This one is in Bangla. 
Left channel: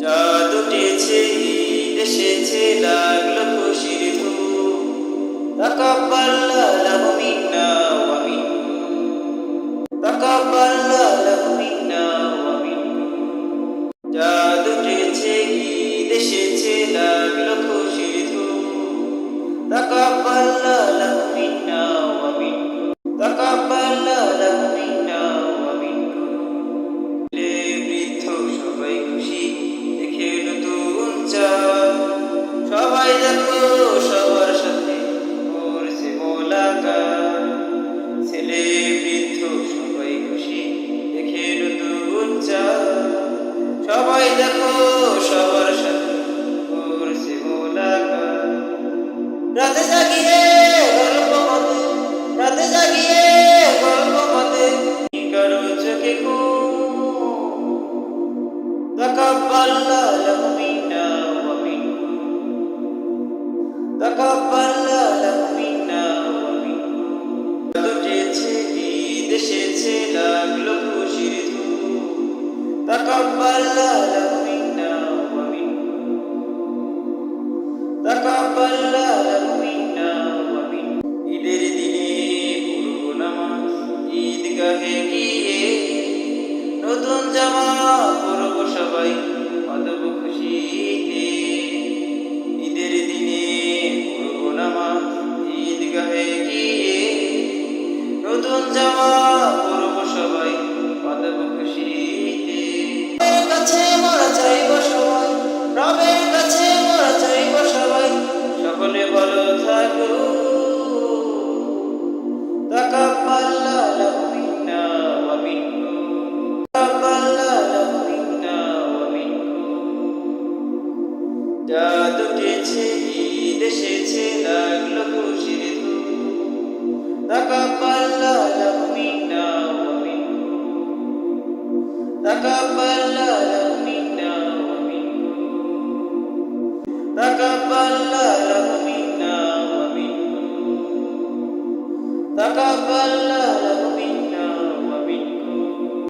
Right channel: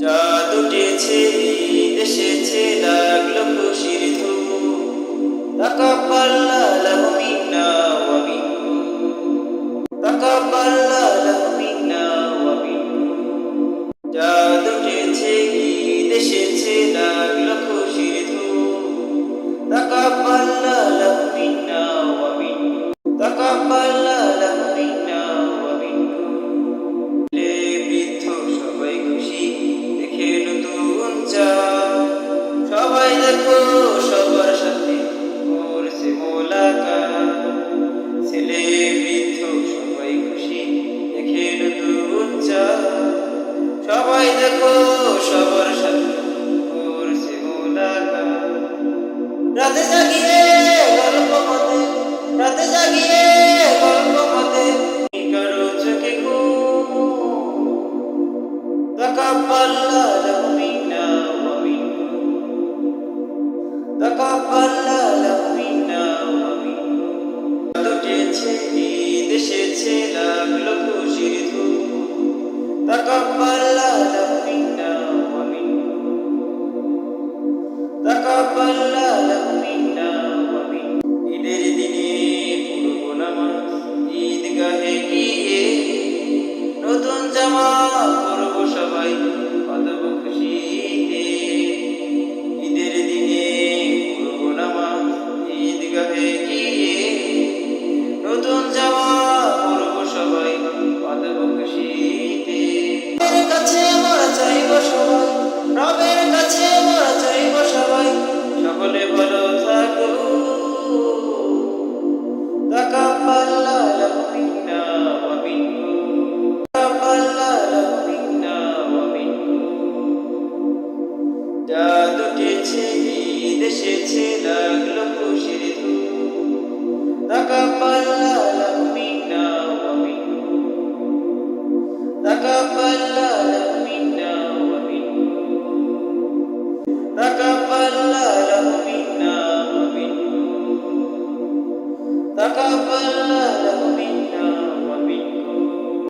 চাঁদ উঠেছে এসেছে, লাগল খুশির ধূপ। তাকাব্বাল্লা লাহু মিন্না ওয়া মিন্না। ওয়া ঈদ এসেছে, লাগল খুশির ধূপ। তাকাব্বাল্লা লাহু মিন্না ওয়া মিন্না। ওয়া সবাই খুশি, দেখে নতুন চা সবাই দেখো সবার সাথে করছে মোলাকাত। ছেলে বৃদ্ধ সবাই খুশি, দেখে নতুন চা সবাই দেখো সবার সাথে করছে মোলাকাত। রাতে জাগিয়ে গল্প মতে, রাতে জাগিয়ে গল্প মতে, কি কারও চোখে ঘুম তাকাব্বাল্লা লাহু মিন্না ওয়া মিনকুম তাকাব্বাল্লা লাহু মিন্না দুটেছে ঈদ এসেছে লাগল খুশির ধূপ তাকাব্বাল্লা লাহু মিন্না ওয়া মিনকুম তাকাব্বাল্লা লাহু মিন্না ঈদের দিনে পড়ব নামাজ। ঈদগাহে গিয়ে নতুন জামা পরব সবাই কতব খুশিতে। ঈদের দিনে পরব নামাজ, ঈদগাহে গিয়ে। নতুন জামা পরব সবাই কতব খুশিতে। কাছে মোরা চাইব সবাই, রবের কাছে মোরা চাইব সবাই, সকলে ভালো থাকো তাকাব্বাল্লা চাঁদ উঠেছে ঈদ এসেছে, লাগল খুশির ধূপ। তাকাব্বাল্লা লাহু মিন্না ওয়া মিনকুম তাকাব্বাল্লা মিন্না ওয়া মিনকুম তাকাব্বাল্লা মিন্না ওয়া মিনকুম তাকাব্বাল্লা লাহু